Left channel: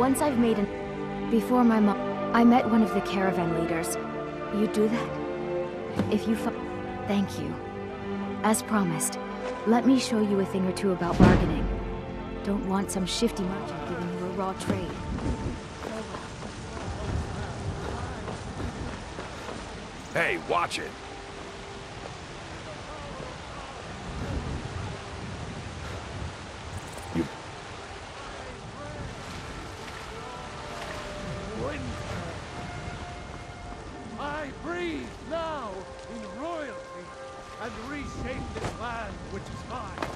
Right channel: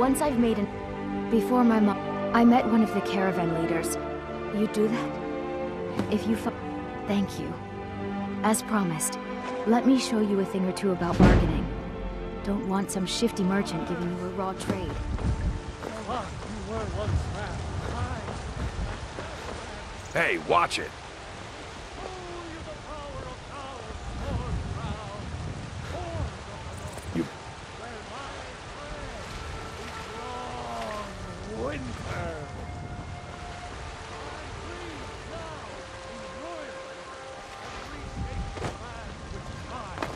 once I've made an... Before my mom... I met one of the caravan leaders. You do that? If you Thank you. As promised, let me show you a thing or two about bargaining. Don't want some shifty merchant giving you a raw trade. Hey, watch it! You... Winter! I breathe now in royalty and reshape the land which is mine.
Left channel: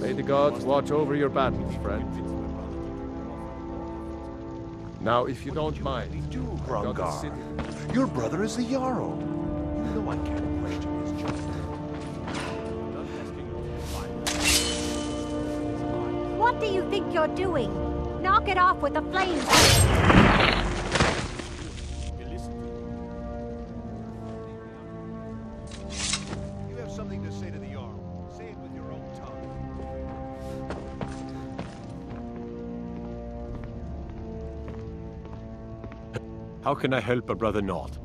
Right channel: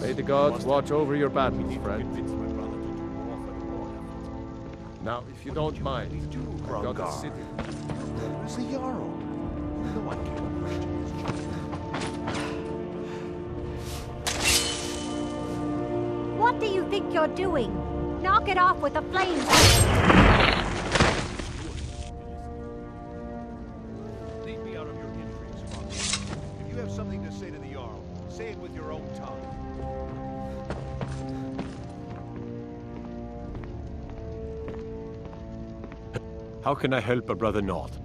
May the gods watch over your battles, friend. Now, if you don't mind, I've got a city. Your brother is the Jarl. You know I can't question his judgment. What do you think you're doing? Knock it off with the flames! If you have something to say to the Jarl, say it with your own tongue. How can I help a brother not?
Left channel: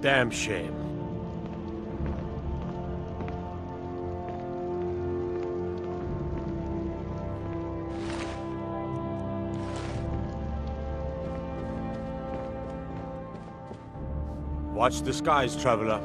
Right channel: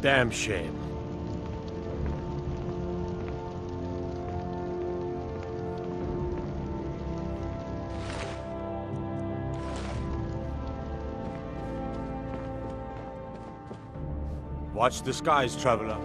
Damn shame. Watch the skies, traveler.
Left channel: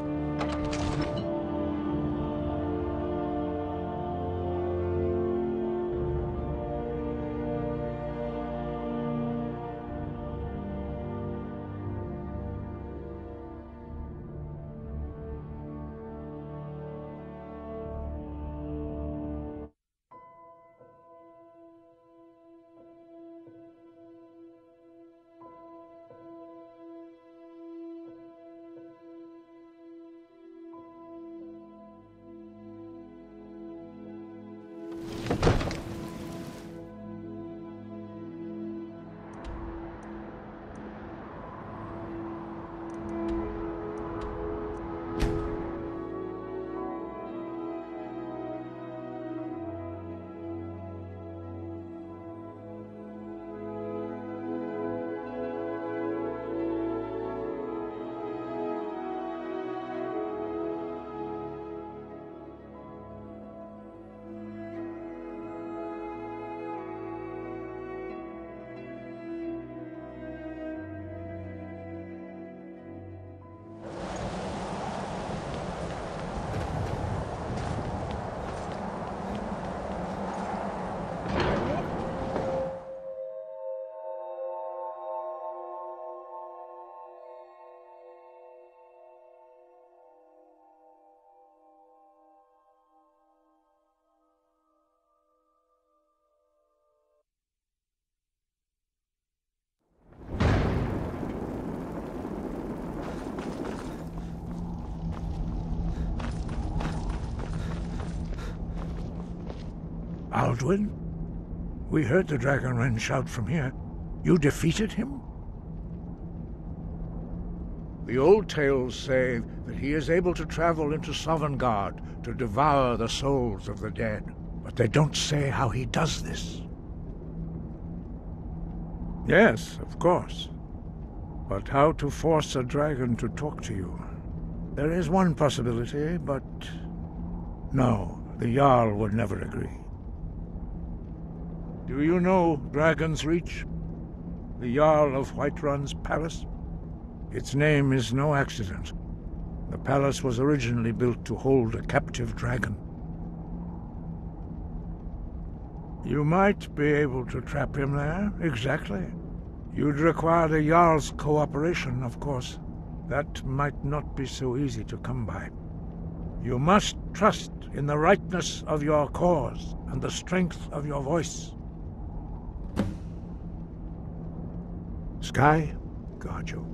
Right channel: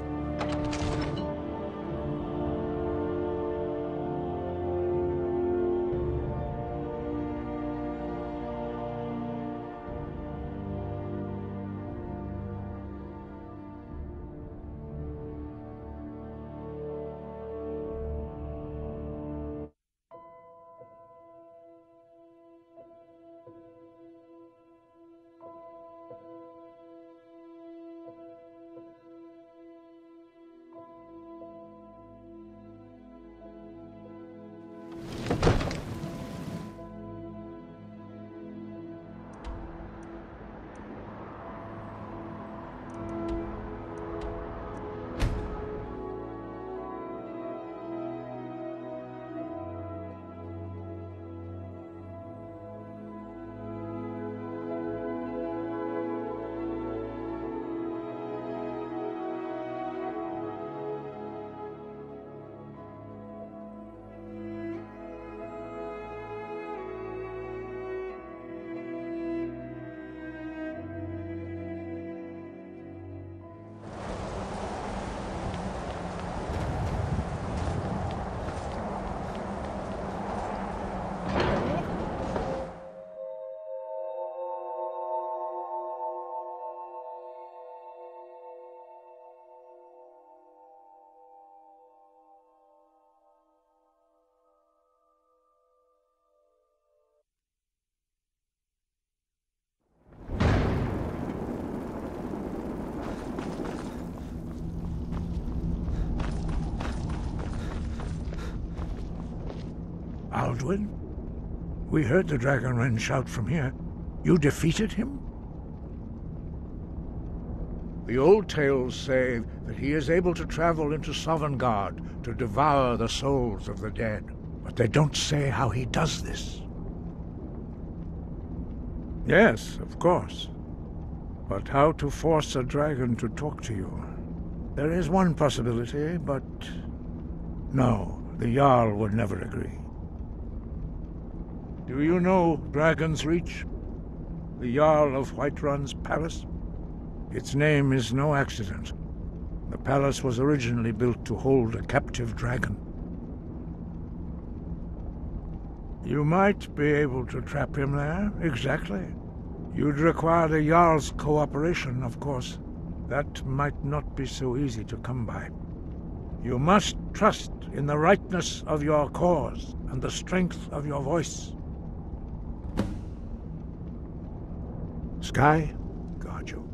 Alduin? We heard the Dragonren shout from here. You defeated him? The old tales say that he is able to travel into Sovngarde to devour the souls of the dead, but they don't say how he does this. Yes, of course. But how to force a dragon to talk to you? There is one possibility, but... No, The Jarl would never agree. Do you know Dragon's Reach? The Jarl of Whiterun's palace? Its name is no accident. The palace was originally built to hold a captive dragon. You might be able to trap him there, exactly. You'd require the Jarl's cooperation, of course. That might not be so easy to come by. You must trust in the rightness of your cause and the strength of your voice. Sky, guard you.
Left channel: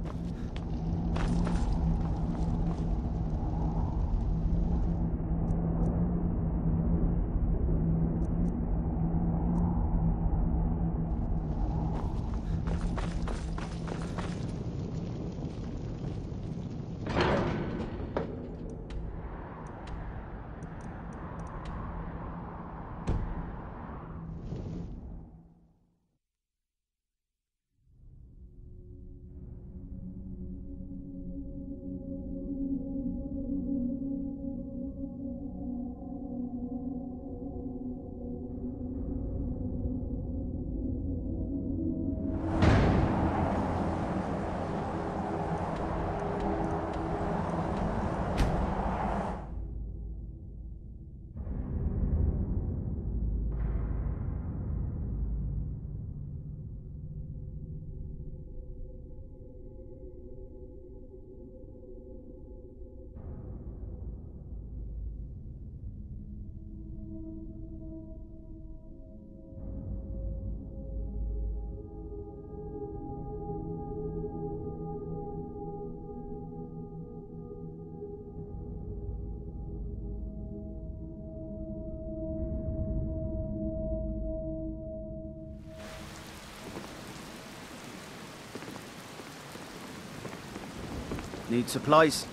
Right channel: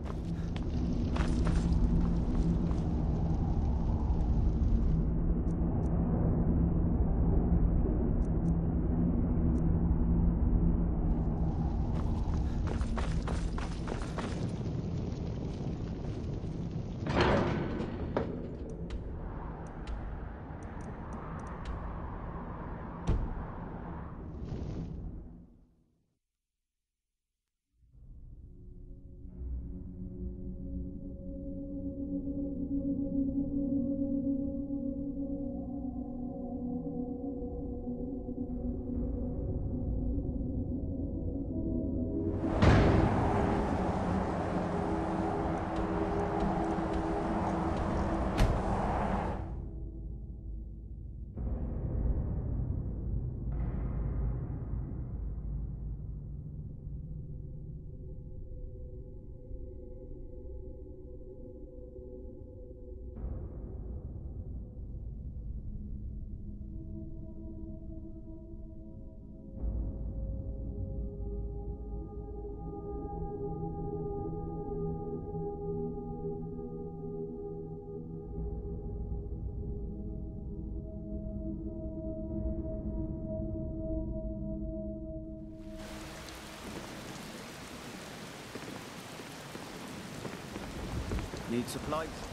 Need supplies?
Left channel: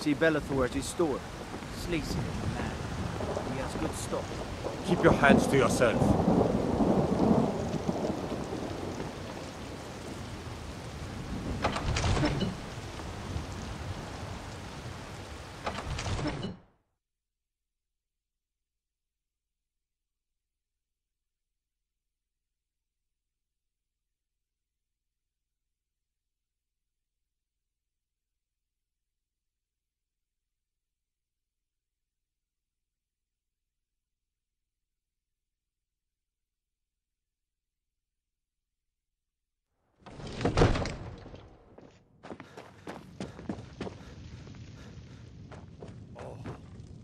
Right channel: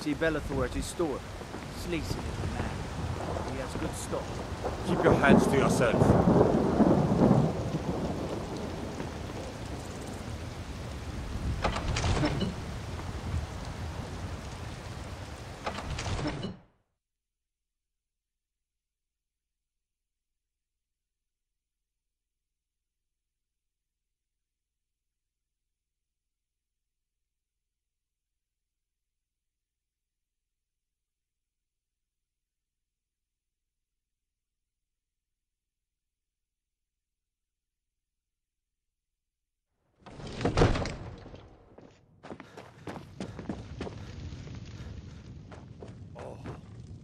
See Bellathor at his store. Sleazy little man. He has good stock. Keep your hands to yourself.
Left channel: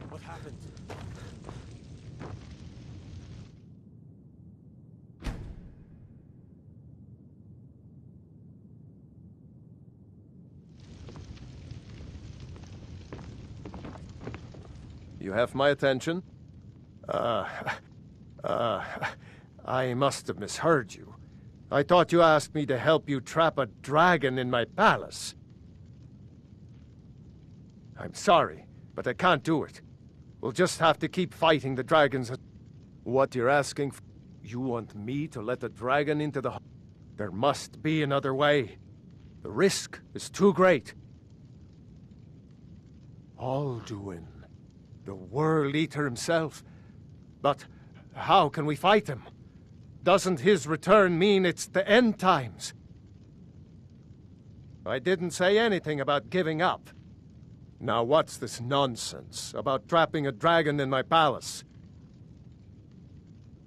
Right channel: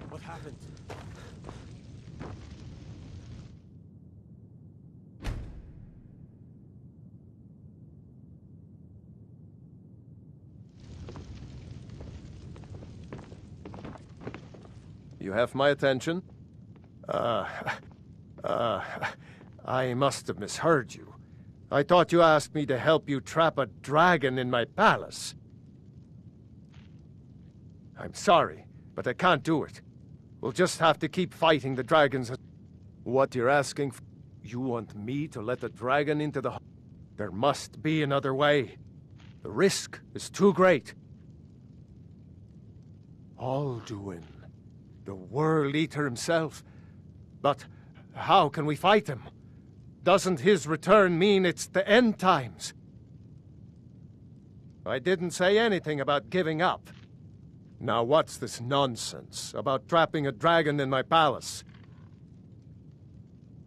What happened? You have my attention? I must have misheard you. I thought you asked me to help you trap a dragon in my palace. I'm sorry, but I can't do it. We'll just have to keep fighting the dragons. What you're asking for? You want me to let the dragon into the... There must be another way. The risk is too great. Alduin, the World Eater himself. But how can we fight him? Doesn't his return mean it's the end times? I didn't say anything about giving up. Now what's this nonsense about trapping a dragon in my palace?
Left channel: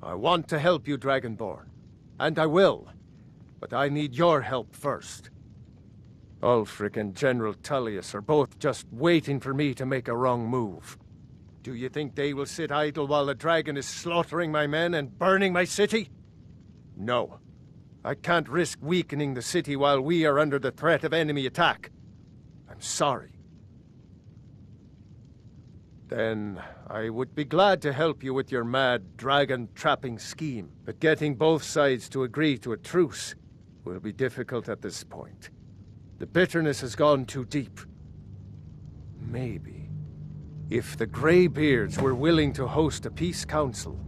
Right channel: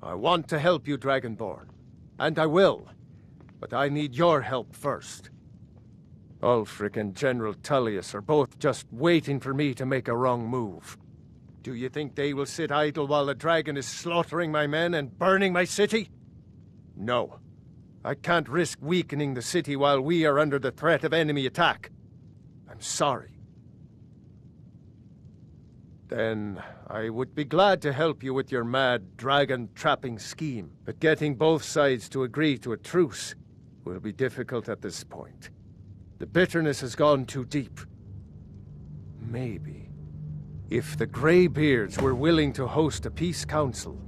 I want to help you, Dragonborn. And I will. But I need your help first. Ulfric and General Tullius are both just waiting for me to make a wrong move. Do you think they will sit idle while the dragon is slaughtering my men and burning my city? No. I can't risk weakening the city while we are under the threat of enemy attack. I'm sorry. Then I would be glad to help you with your mad dragon-trapping scheme, but getting both sides to agree to a truce will be difficult at this point. The bitterness has gone too deep. Maybe, if the Greybeards were willing to host a peace council,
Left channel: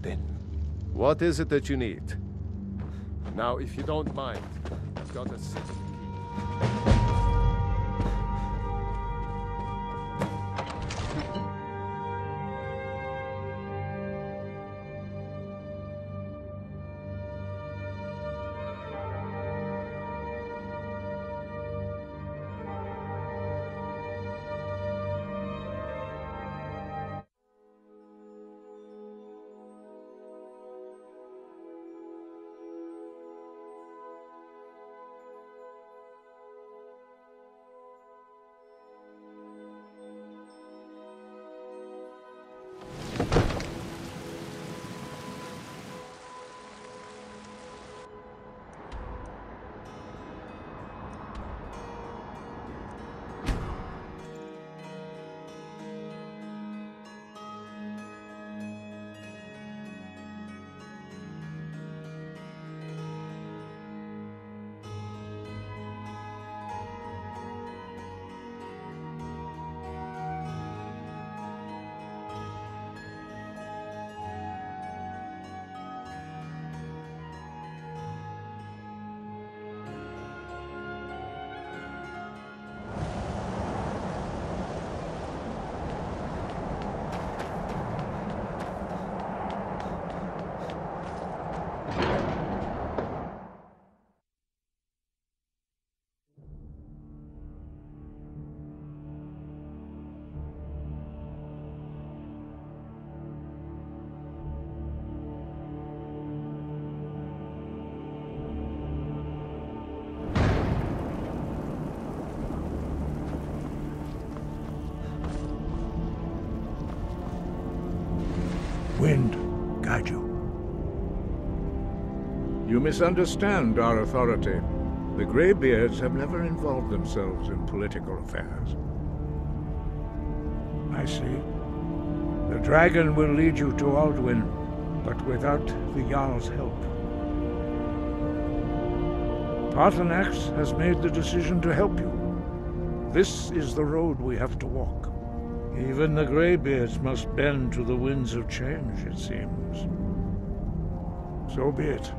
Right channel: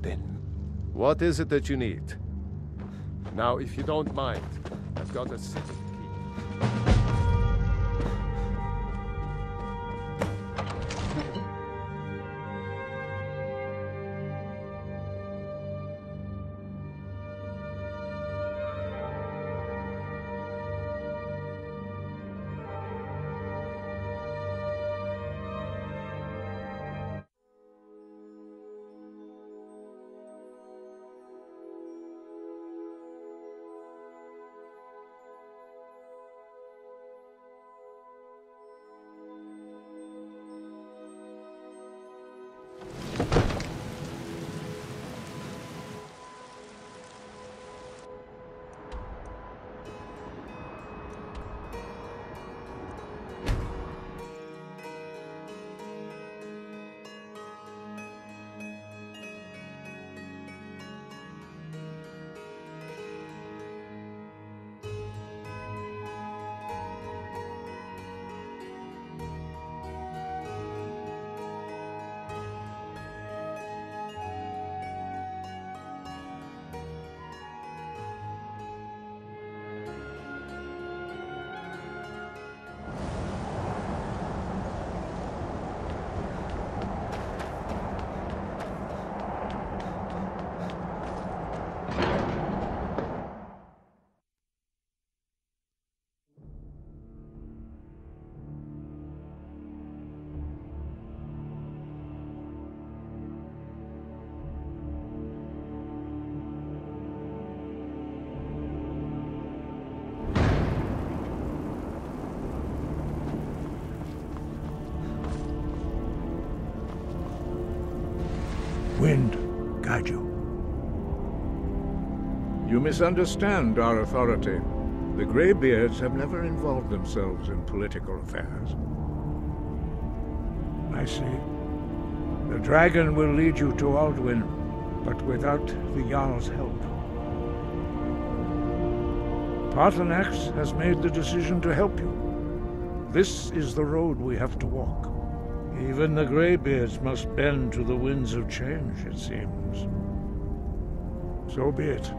then... What is it that you need? Now, if you don't mind, I've got a city key. wind guide you. You misunderstand our authority. The Greybeards have never involved themselves in political affairs. I see. The dragon will lead you to Alduin, but without the Jarl's help. Paarthurnax has made the decision to help you. This is the road we have to walk. Even the Greybeards must bend to the winds of change, it seems. So be it.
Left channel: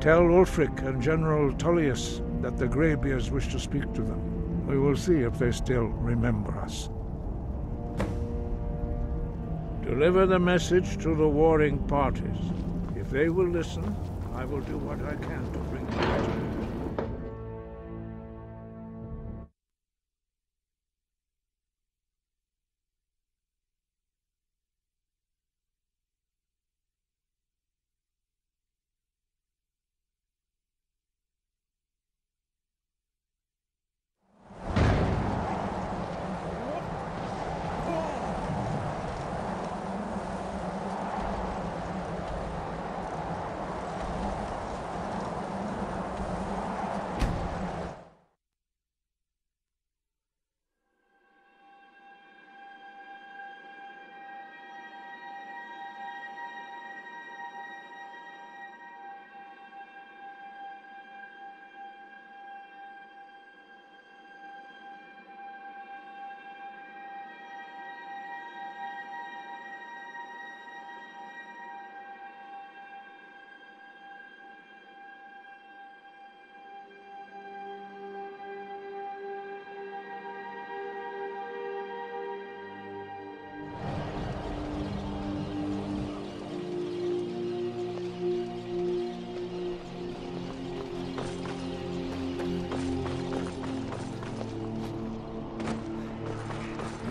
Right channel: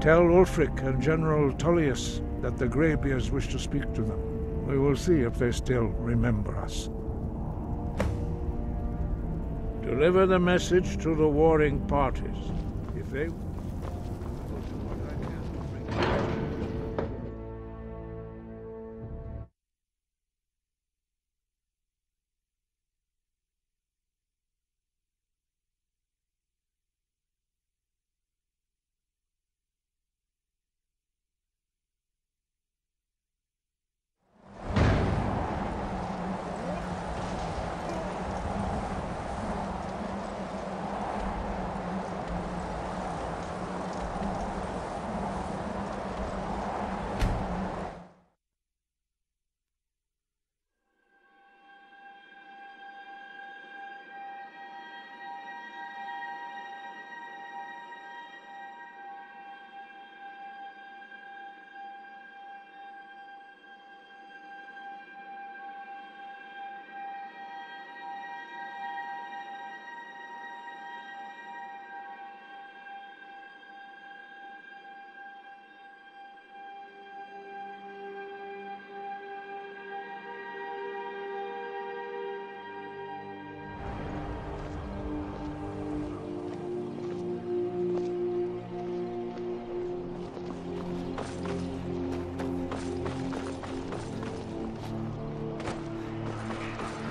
Tell Ulfric and General Tullius that the Greybeards wish to speak to them. We will see if they still remember us. Deliver the message to the warring parties. If they will listen, I will do what I can to bring them.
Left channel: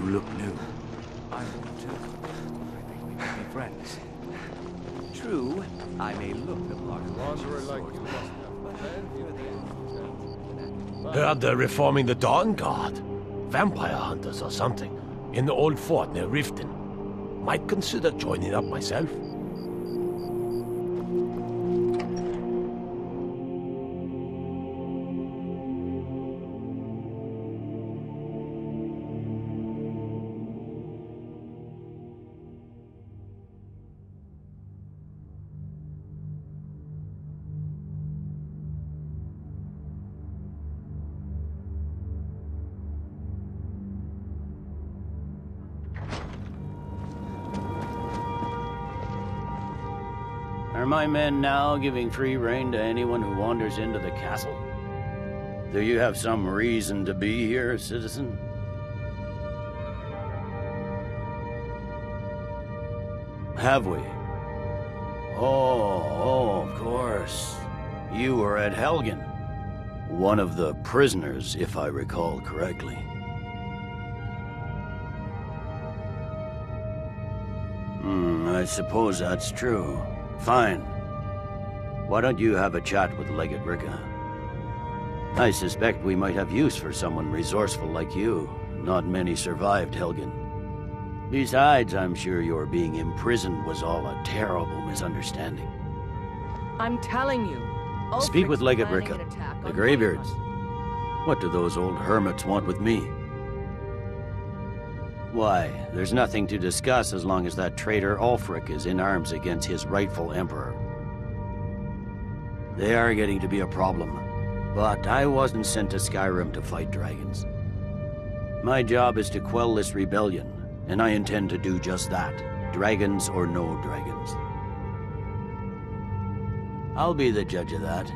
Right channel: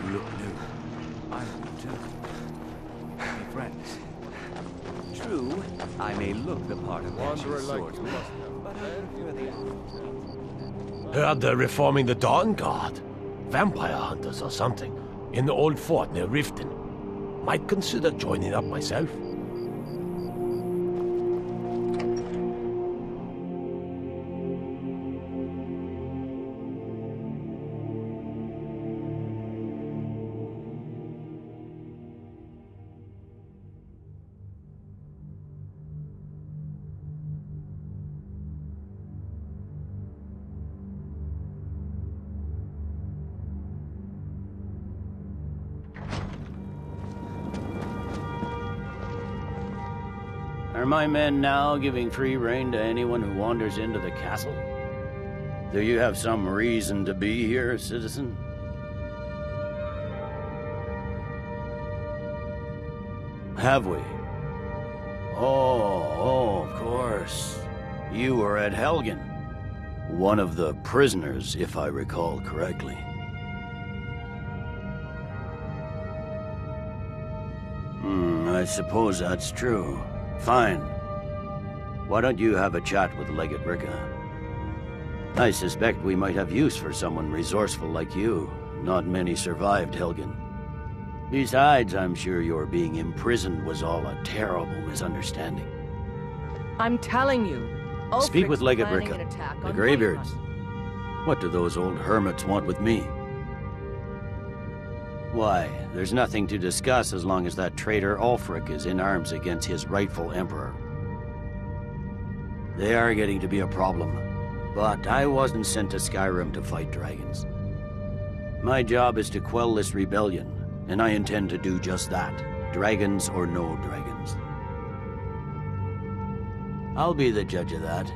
Look new. I'm new too. We may be friends. True, I may look the part of Wanderer that like sword, you must have. but I prefer the Heard they're reforming the Dawn Guard. Vampire hunters or something. In the old fort near Riften. Might consider joining up myself. Are my men now giving free rein to anyone who wanders into the castle? Do you have some reason to be here, citizen? Have we? Oh, of course. You were at Helgen. One of the prisoners, if I recall correctly. I suppose that's true. Fine. Why don't you have a chat with Legate Ricka? I suspect we might have use for someone resourceful like you. Not many survived Helgen. Besides, I'm sure your being imprisoned was all a terrible misunderstanding. I'm telling you. Speak with Ulfric's Legate planning Ricka. an attack The on Greybeards. Whiterun. What do those old hermits want with me? Why, there's nothing to discuss as long as that traitor Ulfric is in arms against his rightful emperor. They are getting to be a problem, but I wasn't sent to Skyrim to fight dragons. My job is to quell this rebellion, and I intend to do just that, dragons or no dragons. I'll be the judge of that.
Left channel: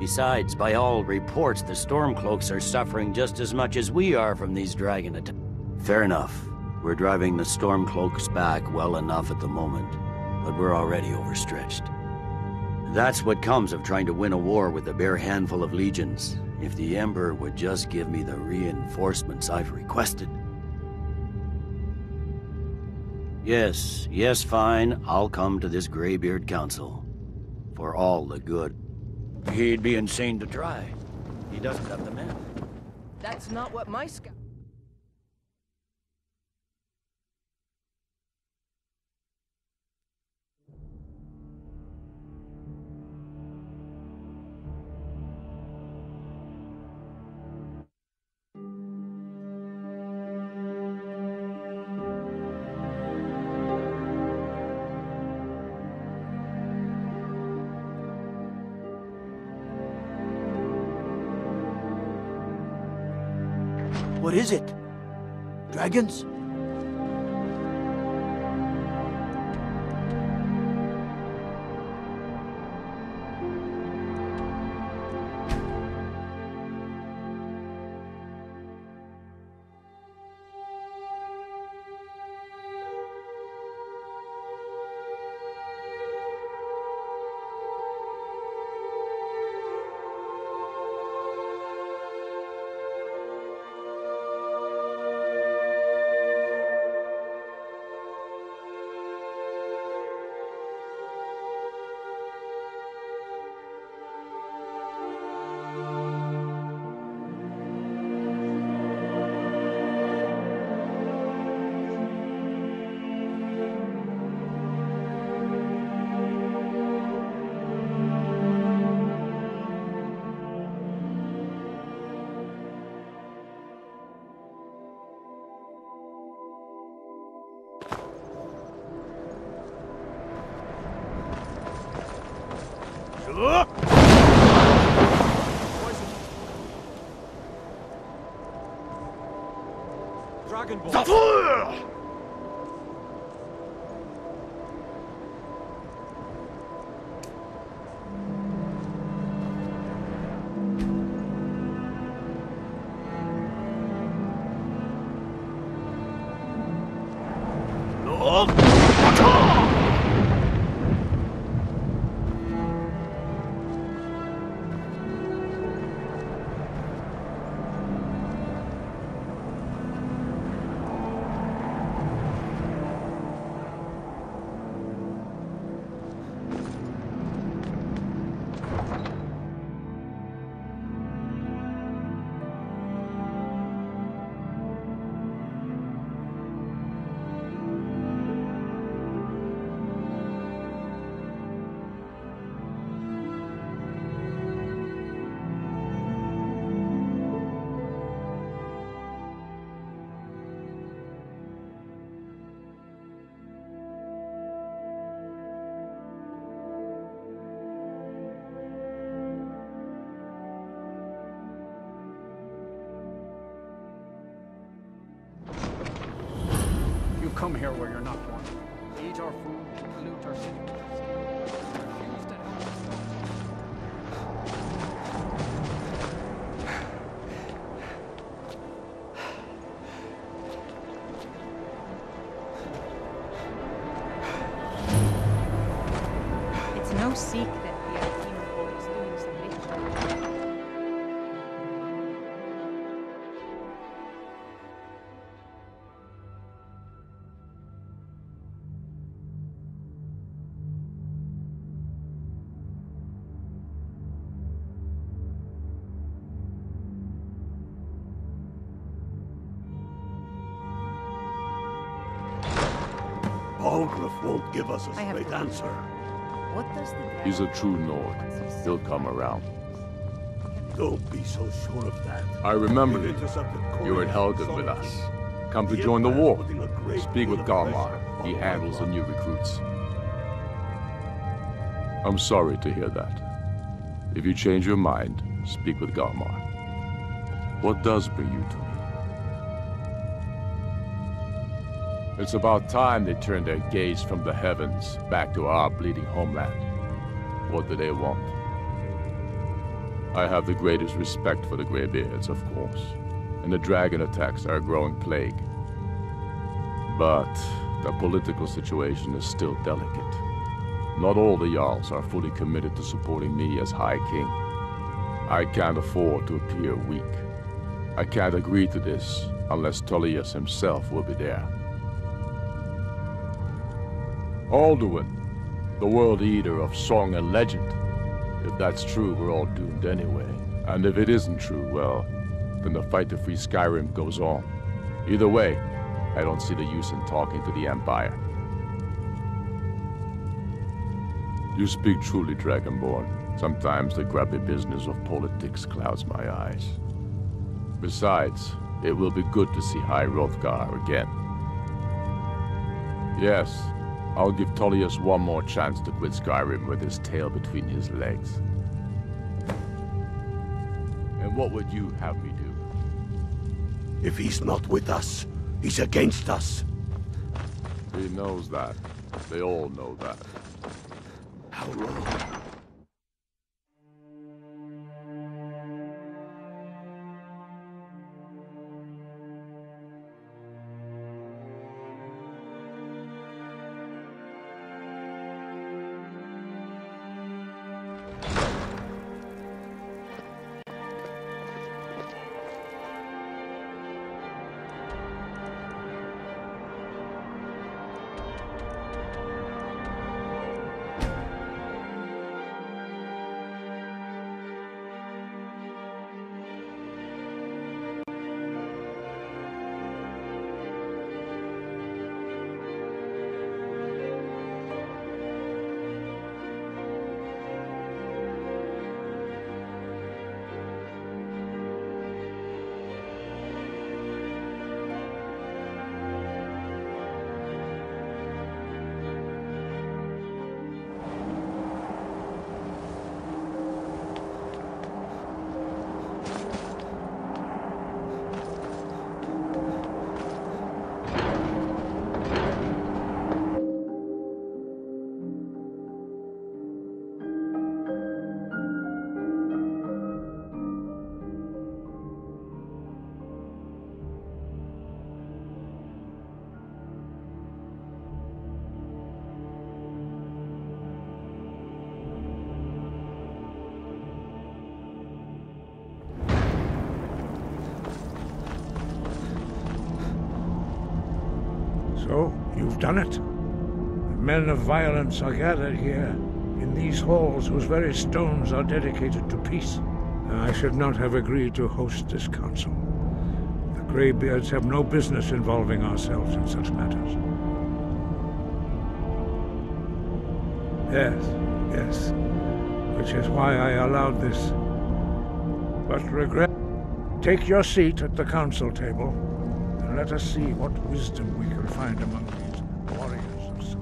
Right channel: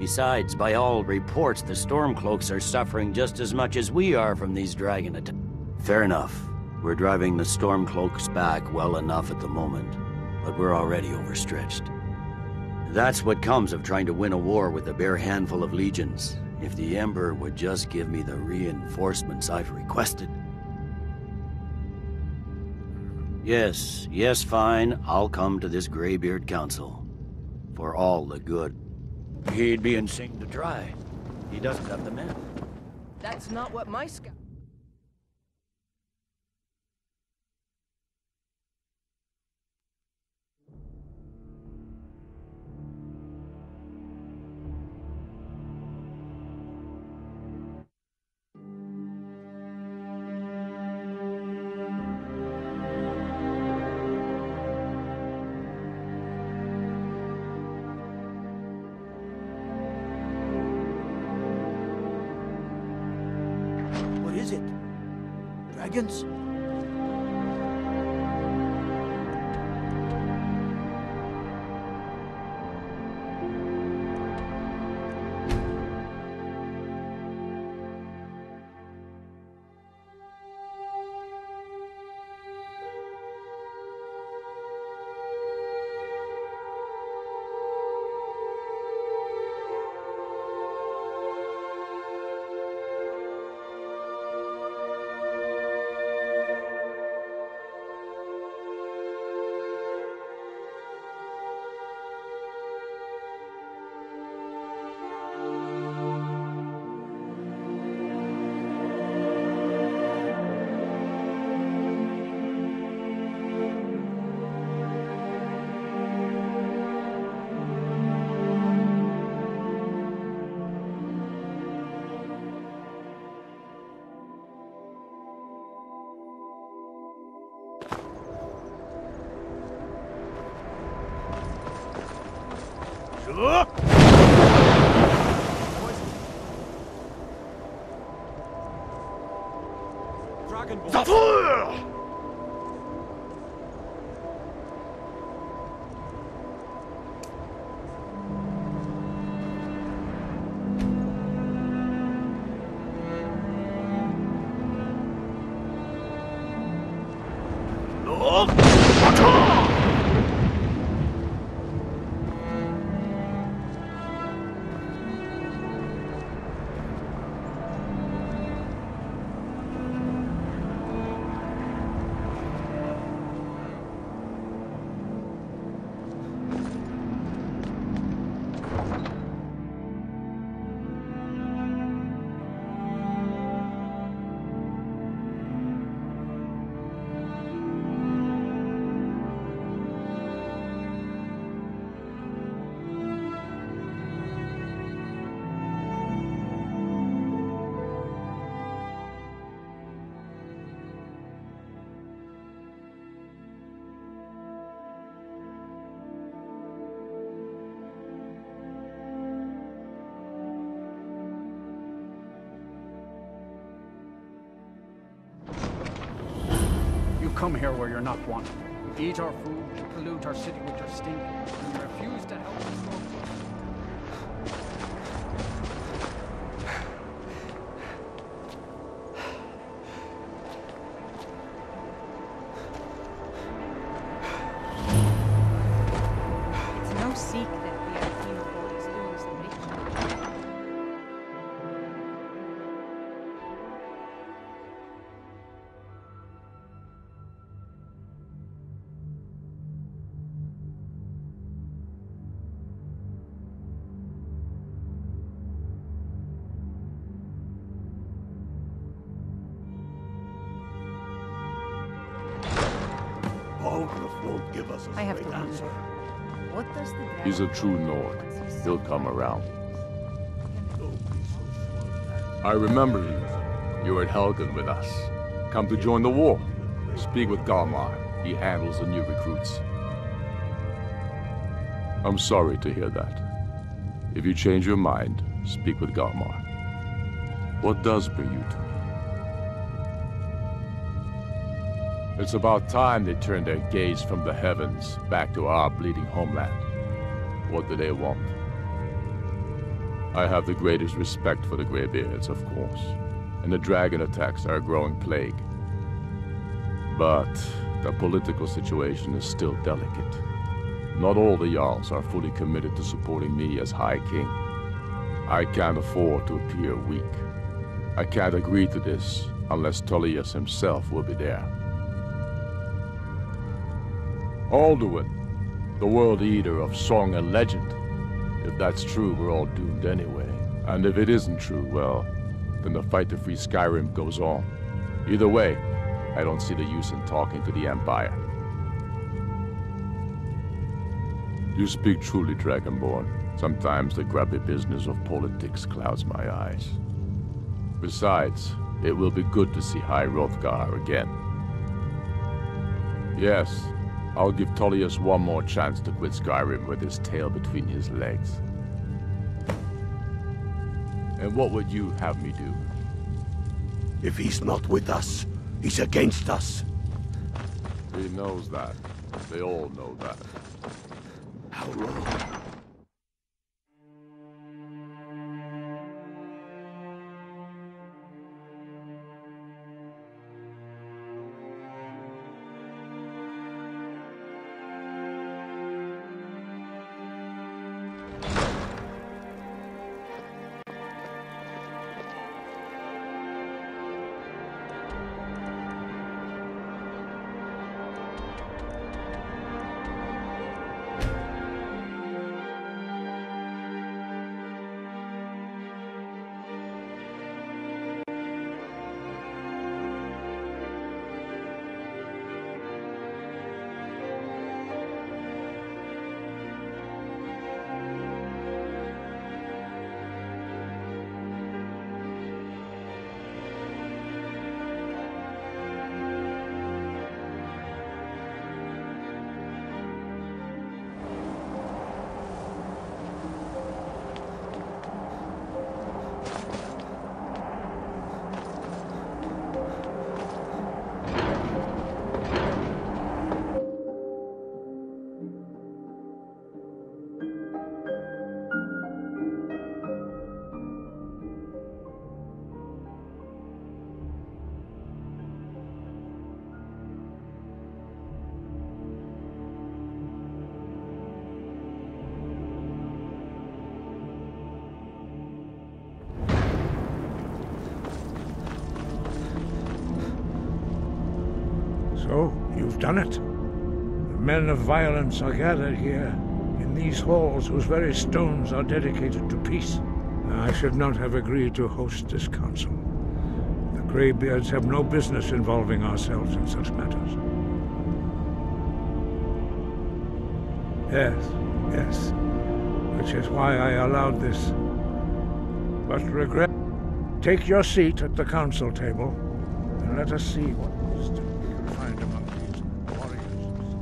Besides, by all reports, the Stormcloaks are suffering just as much as we are from these dragon attacks. Fair enough. We're driving the Stormcloaks back well enough at the moment, but we're already overstretched. That's what comes of trying to win a war with a bare handful of legions. If the Emperor would just give me the reinforcements I've requested. Yes, fine. I'll come to this Greybeard Council. For all the good. He'd be insane to try. He doesn't have the men. That's not what my scout... What is it? Dragons? Dragonborn! You come here where you're not wanted. You eat our food, pollute our city with your stink, and you refuse to help us stop. It's no secret the Alpino board is doing some ritual. Balgruuf won't give us a I have straight to answer. What does the dragon... He's a true Nord. He'll come around. Don't be so sure of that. I remember you. You were at Helgen with us. Come to join the war. Speak with Galmar. He handles the new recruits. I'm sorry to hear that. If you change your mind, speak with Galmar. What does bring you to me? It's about time they turned their gaze from the heavens back to our bleeding homeland. What do they want? I have the greatest respect for the Greybeards, of course, and the dragon attacks are a growing plague. But the political situation is still delicate. Not all the Jarls are fully committed to supporting me as High King. I can't afford to appear weak. I can't agree to this unless Tullius himself will be there. Alduin, the world eater of song and legend. If that's true, we're all doomed anyway. And if it isn't true, well, then the fight to free Skyrim goes on. Either way, I don't see the use in talking to the Empire. You speak truly, Dragonborn. Sometimes the grubby business of politics clouds my eyes. Besides, it will be good to see High Hrothgar again. Yes, I'll give Tullius one more chance to quit Skyrim with his tail between his legs. And what would you have me do? If he's not with us, he's against us. He knows that. They all know that. How long? So, you've done it. The men of violence are gathered here, in these halls whose very stones are dedicated to peace. I should not have agreed to host this council. The Greybeards have no business involving ourselves in such matters. Yes. Which is why I allowed this. But regret... Take your seat at the council table, and let us see what wisdom we can find among these warriors of Skyrim.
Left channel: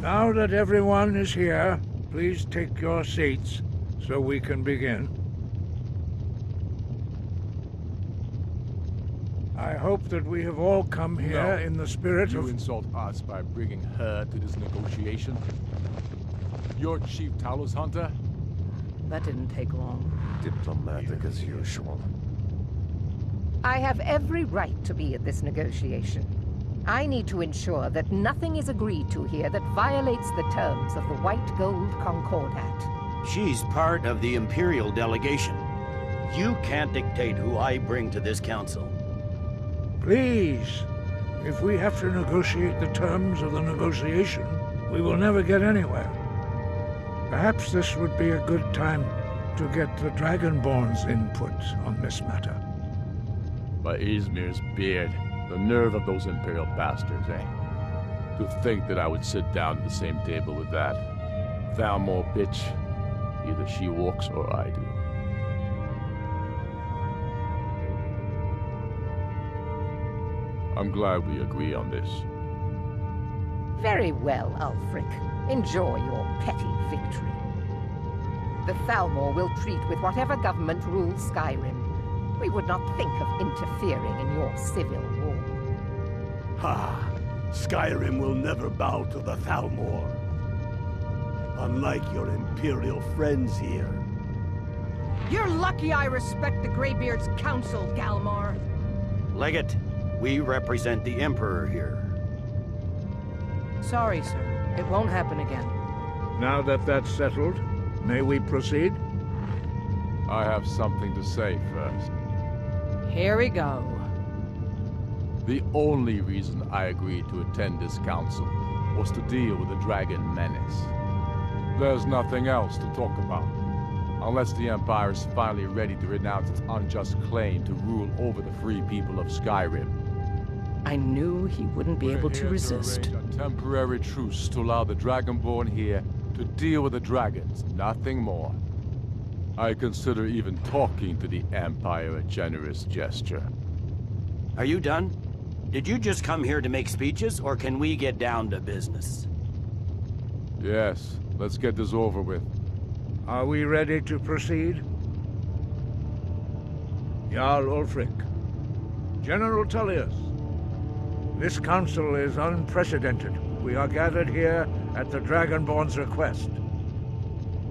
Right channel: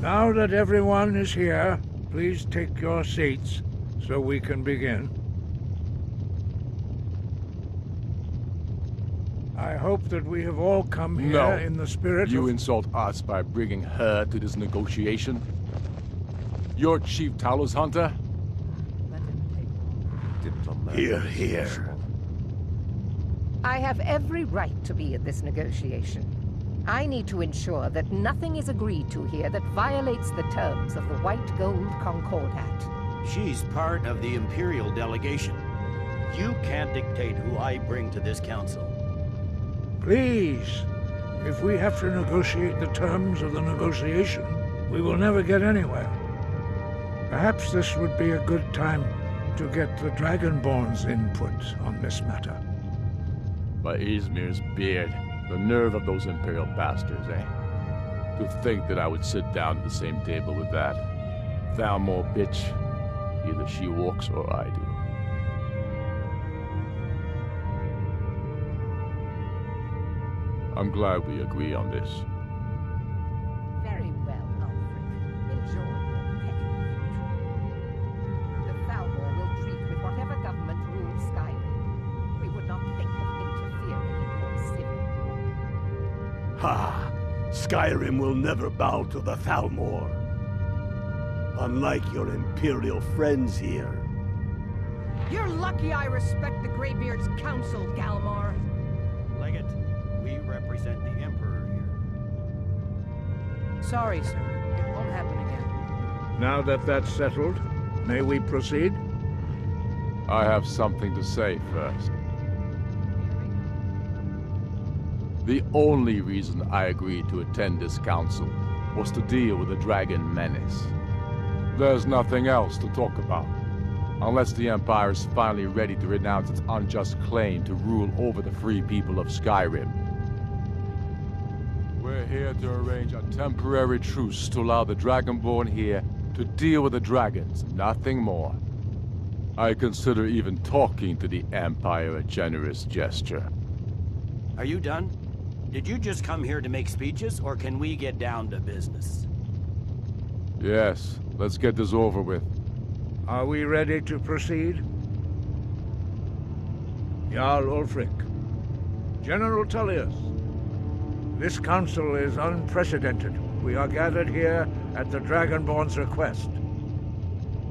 Now that everyone is here, please take your seats so we can begin. I hope that we have all come here in the spirit of... You insult us by bringing her to this negotiation? You're Chief Talos Hunter? That didn't take long. Diplomatic as usual. I have every right to be at this negotiation. I need to ensure that nothing is agreed to here that violates the terms of the White Gold Concordat. She's part of the Imperial delegation. You can't dictate who I bring to this council. Please, if we have to negotiate the terms of the negotiation, we will never get anywhere. Perhaps this would be a good time to get the Dragonborn's input on this matter. By Izmir's beard. The nerve of those Imperial bastards, eh? To think that I would sit down at the same table with that. Thalmor bitch. Either she walks or I do. I'm glad we agree on this. Very well, Ulfric. Enjoy your petty victory. The Thalmor will treat with whatever government rules Skyrim. We would not think of interfering in your civil war. Ha! Skyrim will never bow to the Thalmor. Unlike your Imperial friends here. You're lucky I respect the Greybeard's counsel, Galmar. Legate, we represent the Emperor here. Sorry, sir. It won't happen again. Now that that's settled, may we proceed? I have something to say first. Here we go. The only reason I agreed to attend this council was to deal with the dragon menace. There's nothing else to talk about. Unless the Empire is finally ready to renounce its unjust claim to rule over the free people of Skyrim. I knew he wouldn't be able to resist. We're here to arrange a temporary truce to allow the Dragonborn here to deal with the dragons, nothing more. I consider even talking to the Empire a generous gesture. Are you done? Did you just come here to make speeches, or can we get down to business? Yes, let's get this over with. Are we ready to proceed? Jarl Ulfric, General Tullius, this council is unprecedented. We are gathered here at the Dragonborn's request.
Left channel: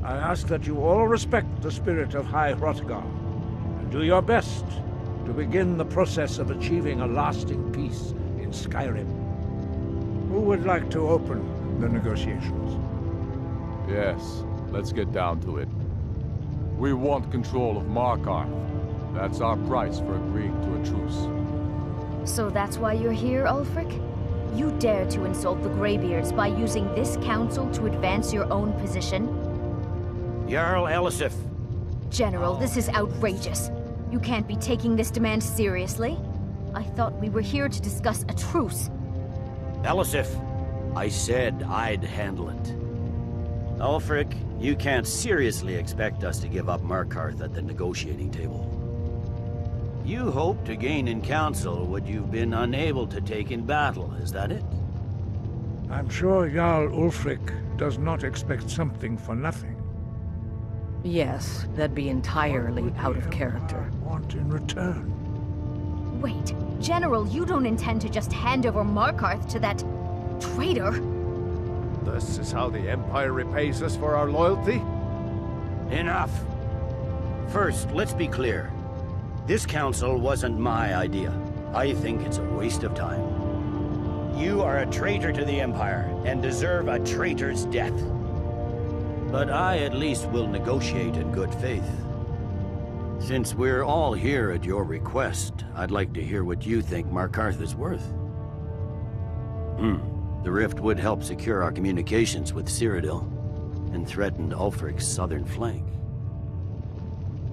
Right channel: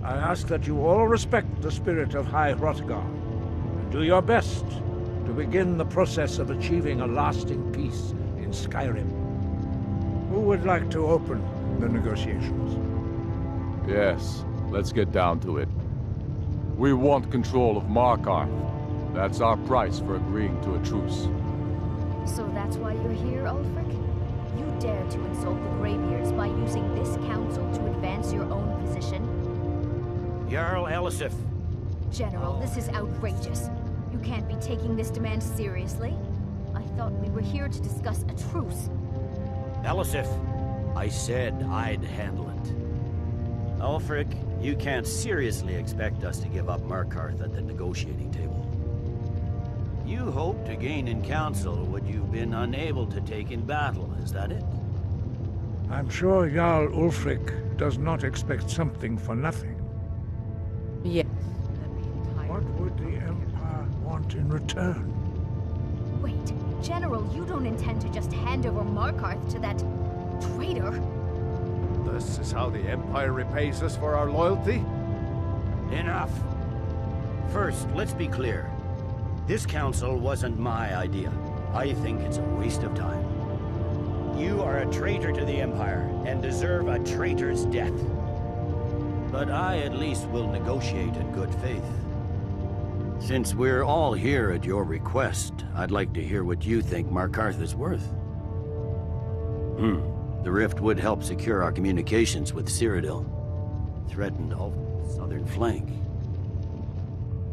I ask that you all respect the spirit of High Hrothgar, and do your best to begin the process of achieving a lasting peace in Skyrim. Who would like to open the negotiations? Yes, let's get down to it. We want control of Markarth. That's our price for agreeing to a truce. So that's why you're here, Ulfric? You dare to insult the Greybeards by using this council to advance your own position? Jarl Elisif. General, this is outrageous. You can't be taking this demand seriously. I thought we were here to discuss a truce. Elisif, I said I'd handle it. Ulfric, you can't seriously expect us to give up Markarth at the negotiating table. You hoped to gain in council what you've been unable to take in battle, is that it? I'm sure Jarl Ulfric does not expect something for nothing. Yes, that'd be entirely out of character. Want in return? Wait, General, you don't intend to just hand over Markarth to that traitor? This is how the Empire repays us for our loyalty? Enough. First, let's be clear. This council wasn't my idea. I think it's a waste of time. You are a traitor to the Empire and deserve a traitor's death. But I at least will negotiate in good faith. Since we're all here at your request, I'd like to hear what you think Markarth is worth. The rift would help secure our communications with Cyrodiil, and threatened Ulfric's southern flank.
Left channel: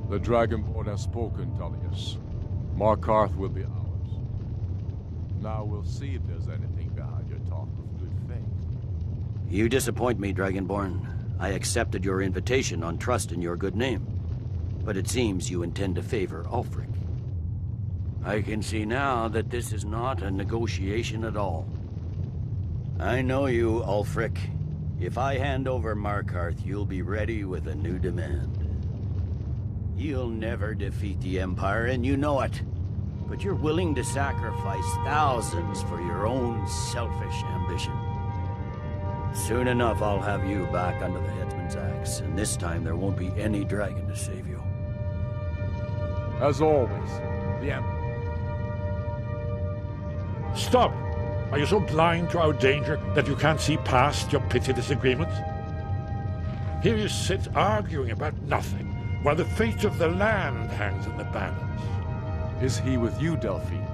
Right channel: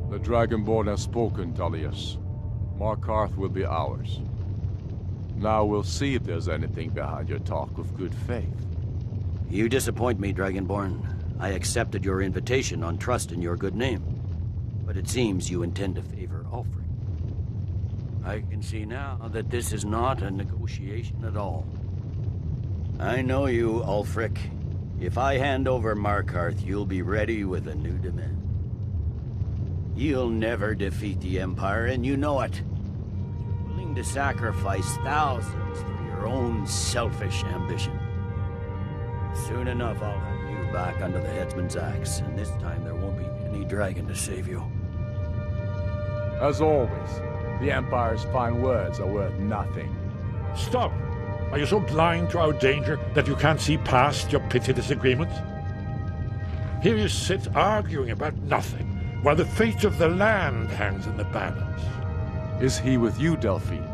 The Dragonborn has spoken, Tullius. Markarth will be ours. Now we'll see if there's anything behind your talk of good faith. You disappoint me, Dragonborn. I accepted your invitation on trust in your good name. But it seems you intend to favor Ulfric. I can see now that this is not a negotiation at all. I know you, Ulfric. If I hand over Markarth, you'll be ready with a new demand. You'll never defeat the Empire, and you know it. But you're willing to sacrifice thousands for your own selfish ambition. Soon enough, I'll have you back under the headsman's axe, and this time there won't be any dragon to save you. As always, the Empire's fine words are worth nothing. Stop! Are you so blind to our danger that you can't see past your petty disagreements? Here you sit arguing about nothing, while the fate of the land hangs in the balance. Is he with you, Delphine?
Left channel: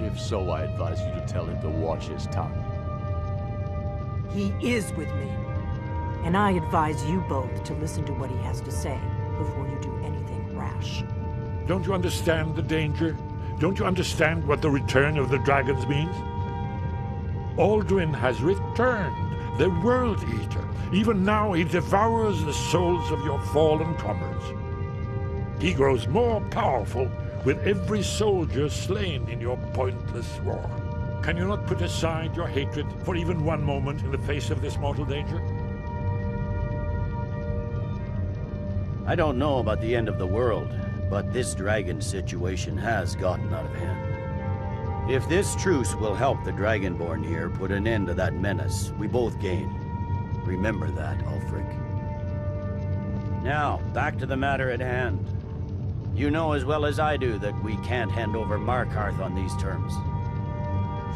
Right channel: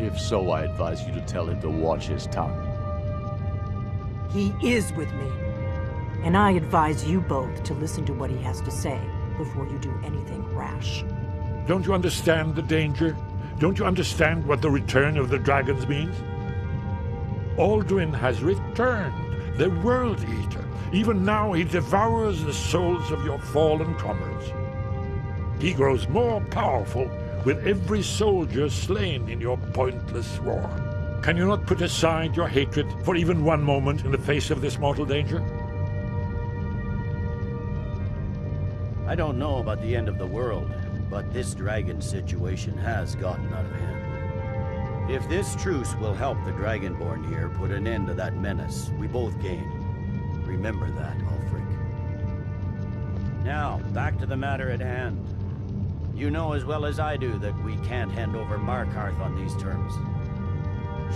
If so, I advise you to tell him to watch his tongue. He is with me. And I advise you both to listen to what he has to say before you do anything rash. Don't you understand the danger? Don't you understand what the return of the dragons means? Alduin has returned, the World Eater. Even now he devours the souls of your fallen comrades. He grows more powerful with every soldier slain in your pointless war. Can you not put aside your hatred for even one moment in the face of this mortal danger? I don't know about the end of the world, but this dragon situation has gotten out of hand. If this truce will help the Dragonborn here put an end to that menace, we both gain. Remember that, Ulfric. Now, back to the matter at hand. You know as well as I do that we can't hand over Markarth on these terms.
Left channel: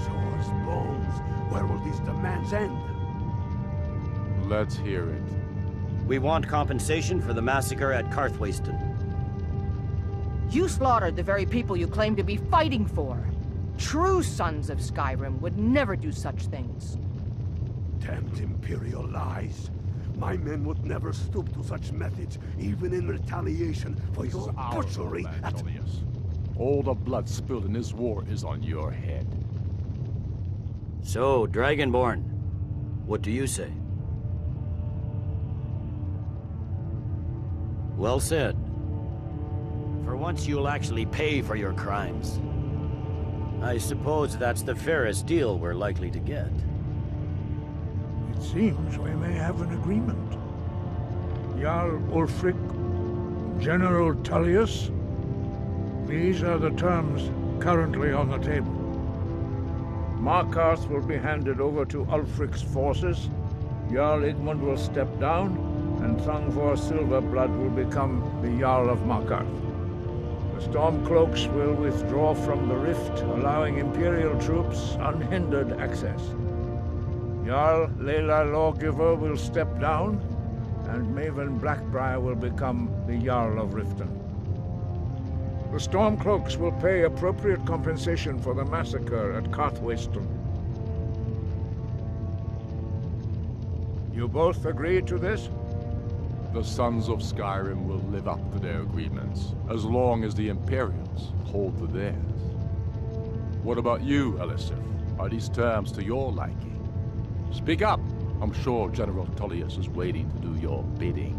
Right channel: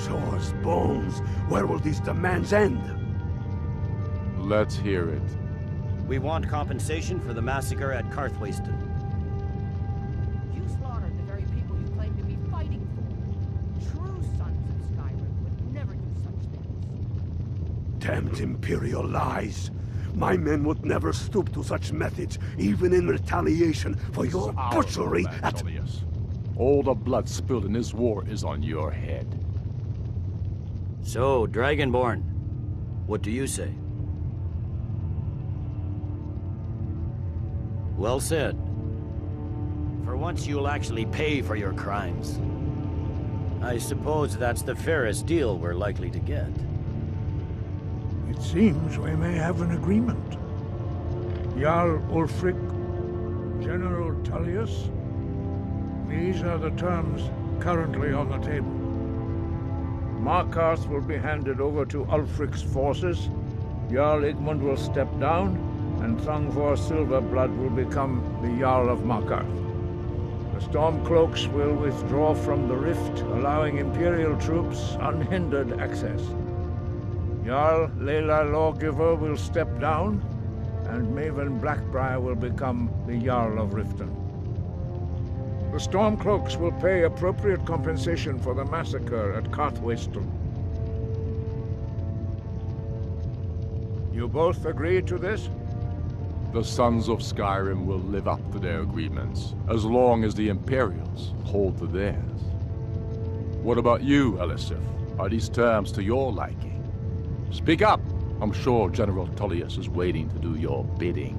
Shores, bones, where will these demands end? Let's hear it. We want compensation for the massacre at Karthwasten. You slaughtered the very people you claim to be fighting for. True sons of Skyrim would never do such things. Damned Imperial lies. My men would never stoop to such methods, even in retaliation for your butchery at... All the blood spilled in this war is on your head. So, Dragonborn, what do you say? Well said. For once you'll actually pay for your crimes. I suppose that's the fairest deal we're likely to get. It seems we may have an agreement. Jarl Ulfric, General Tullius. These are the terms currently on the table. Markarth will be handed over to Ulfric's forces. Jarl Igmund will step down, and Thangvor Silverblood will become the Jarl of Markarth. The Stormcloaks will withdraw from the Rift, allowing Imperial troops unhindered access. Jarl Leila Lawgiver will step down, and Maven Blackbriar will become the Jarl of Riften. The Stormcloaks will pay appropriate compensation for the massacre at Karthwasten. You both agree to this? The Sons of Skyrim will live up to their agreements, as long as the Imperials hold to theirs. What about you, Elisif? Are these terms to your liking? Speak up! I'm sure General Tullius is waiting to do your bidding.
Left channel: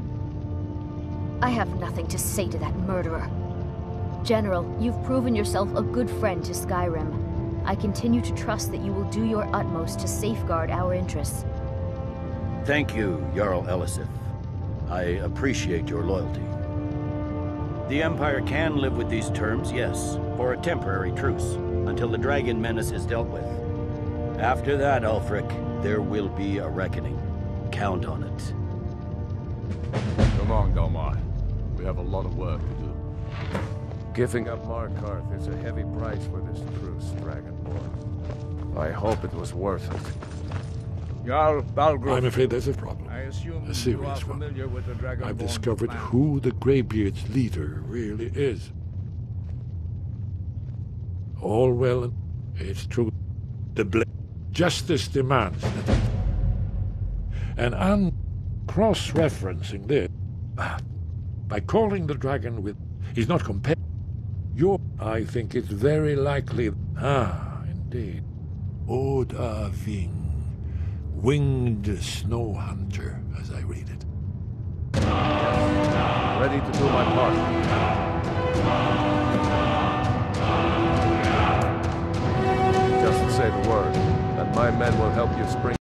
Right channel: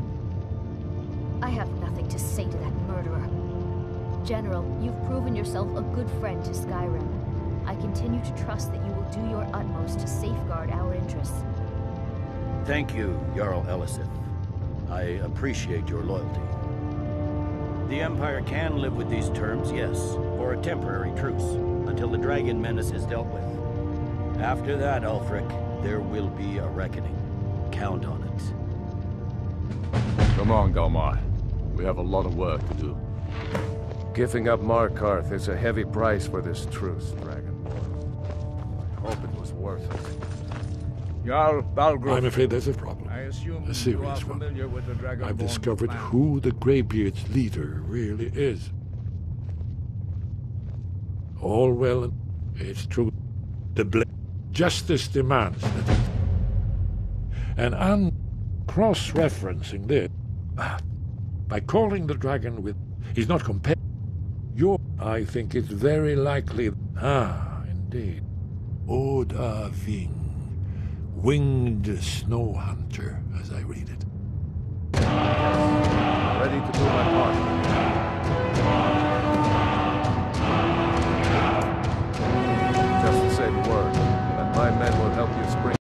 I have nothing to say to that murderer. General, you've proven yourself a good friend to Skyrim. I continue to trust that you will do your utmost to safeguard our interests. Thank you, Jarl Elisif. I appreciate your loyalty. The Empire can live with these terms, yes, for a temporary truce, until the dragon menace is dealt with. After that, Ulfric, there will be a reckoning. Count on it. Come on, Galmar. We have a lot of work to do. Giving up Markarth is a heavy price for this truce, Dragonborn. I hope it was worth it. Jarl Balgruuf. I'm afraid there's a problem. A serious one. I've discovered who the Greybeard's leader really is. All well, it's true. Justice demands that and I'm cross-referencing this. By calling the dragon with... He's not compared. I think it's very likely... indeed. Oda Ving. Winged Snow Hunter, as I read it. Ready to do my part. Just say the word, and my men will help you spring